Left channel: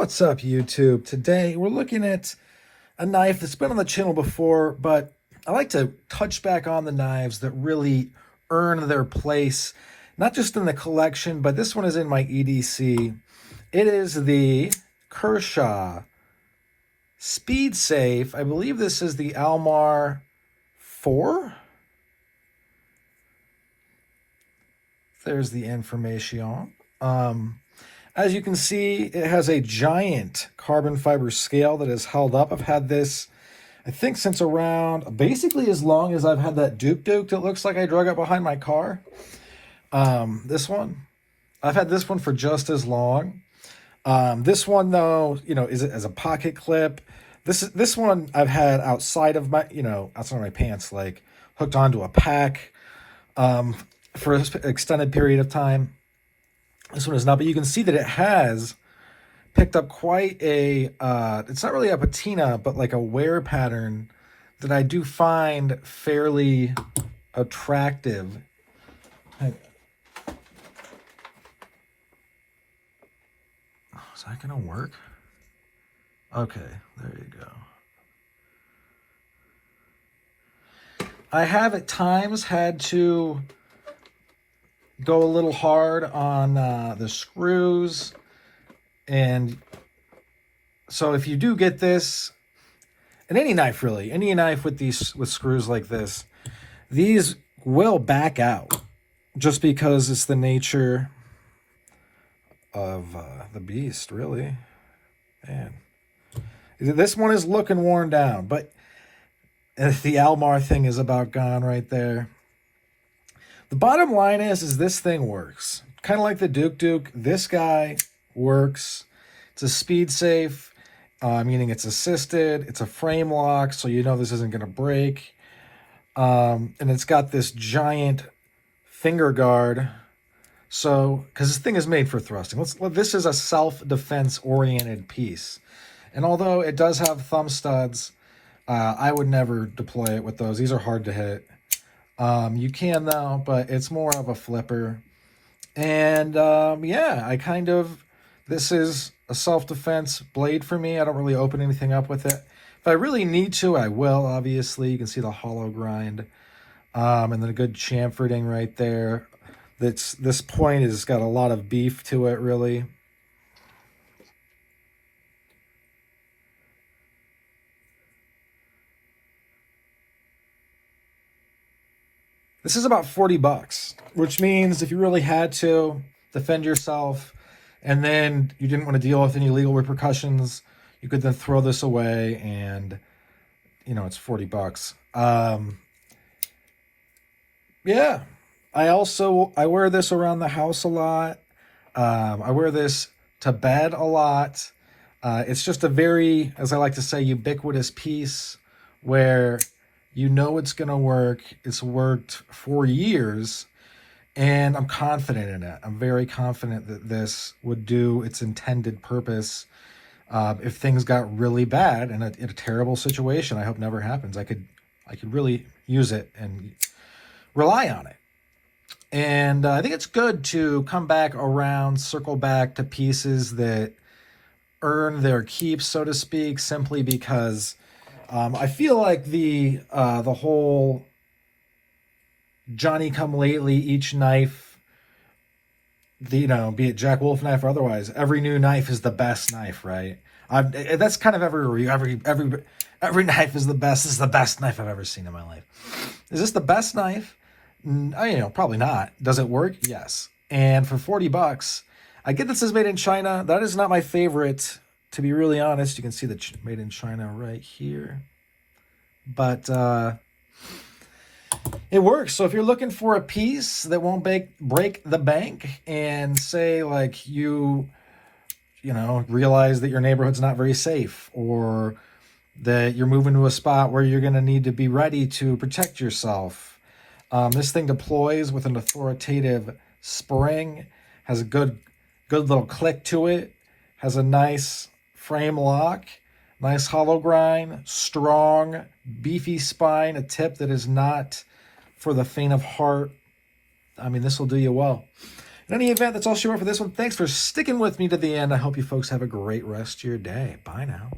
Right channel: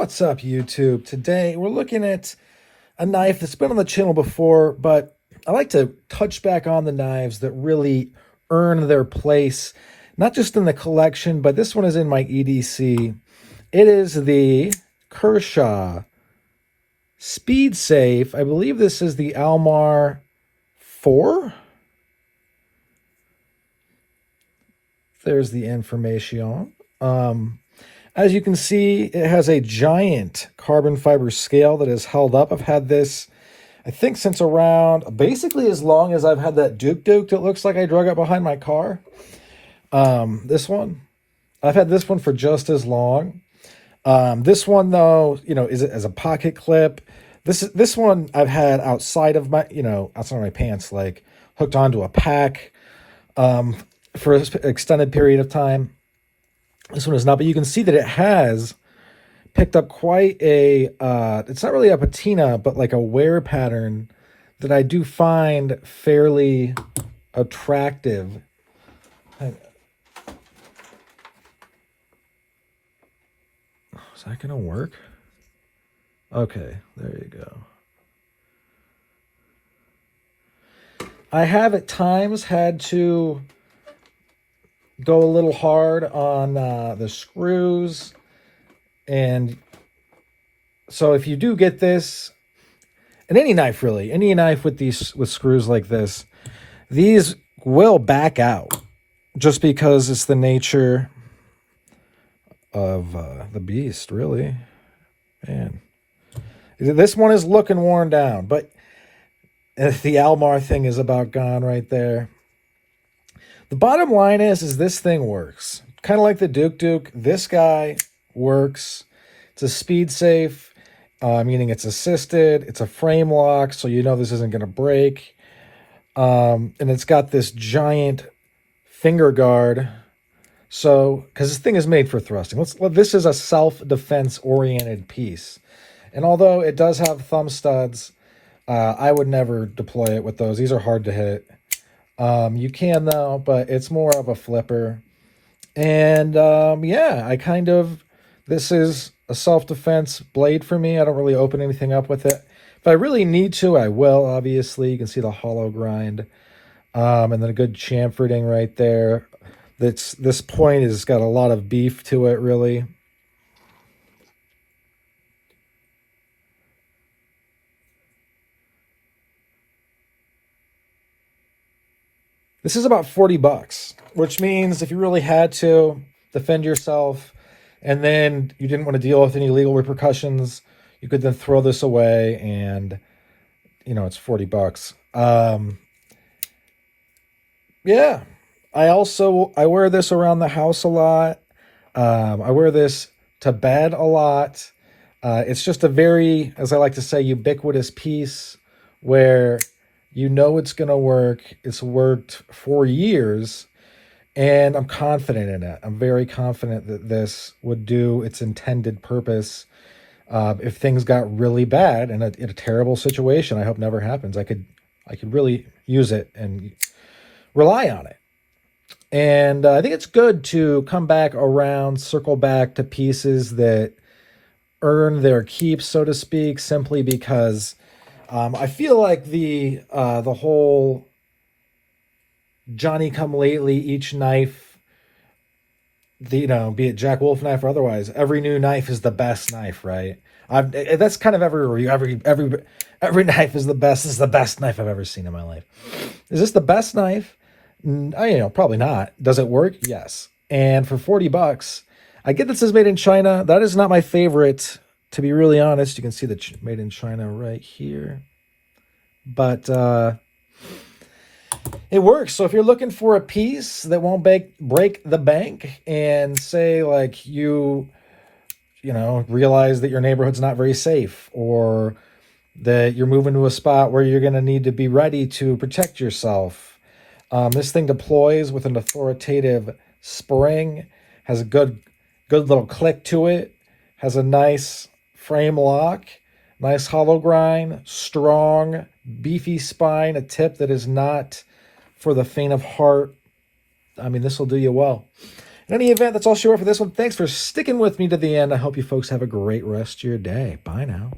What's up, YouTube? Today we're looking at a knife that's been on the channel before, but I like to touch back on the knives that really earn their place, not just in the collection, but this one is in my EDC. It is the Kershaw Speed Safe. I believe this is the AM-4. There's the information. As you can see, it has a giant carbon fiber scale that is held up. I've had this, I think, since around basically as long as I've had that Duke that looks like I drug it behind my car. This one, I've had this one for just as long. This one, though, is it as a pocket clip? This one I've had outside of my, outside of my pants, like hooked onto a pack for an extended period of time. This one is not, but you can see that it has picked up quite a, it's not really a patina, but like a wear pattern that I do find fairly attractive. Is that going to work? Okay, there you go. I have at times had to go a little hard on the screws, and so if you do get this, and any knife really, any knife with screws like this, these will back out just because it's the nature of the beast, really. Man, this one is looking worn down, but the Almar thing is about gone right there. The bottom line is this thing works. Kind of like the Duke. This guy works. It's a speed safe, meaning it's assisted. It's a frame lock, so you know this isn't going to break. And it's got this giant finger guard. So, because this thing is made for thrusting. This is a self-defense oriented piece. And although it does have thumb studs, I would never deploy it with those. These are hard to hit. You can though, but it's more of a flipper. And yeah, this is a self-defense blade for me. I don't really open anything up with it. If I really need to, I will, obviously. You can see the hollow grind. And then a good chamferding right there. This point has got a lot of beef to it, really. This is about $40, which means if you really had to defend yourself and then you didn't want to deal with any legal repercussions, you could then throw this away and, it's $40. Yeah. I wear this around the house a lot. I wear this to bed a lot. It's just a very, as I like to say, ubiquitous piece where it's going to work. It's worked for years, and I'm confident in it. I'm very confident that this would do its intended purpose. If things got really bad in a terrible situation, I hope never happens, I could really use it and rely on it. And I think it's good to come back around, circle back to pieces that earn their keep, so to speak, simply because I feel like the whole Johnny come lately, each knife, be it Jack Wolf knife or otherwise, every new knife is the best knife, right? That's kind of every review. Every knife is the best. This is the best knife I've ever seen in my life. Is this the best knife? Probably not. Does it work? Yes. And for $40, I get this is made in China. That is not my favorite, to be really honest. You can see the made in China right here. But it works. So if you're looking for a piece that won't break the bank, and say like you realize that your neighborhood's not very safe, or that you're moving to a spot where you're going to need to be ready to protect yourself, this thing deploys with an authoritative spring, has a good little click to it, has a nice frame lock, nice hollow grind, strong, beefy spine, a tip that is not for the faint of heart. I mean, this will do you well. In any event, that's all she wrote for this one. Thanks for sticking with me to the end. I hope you folks have a great rest of your day. Bye now.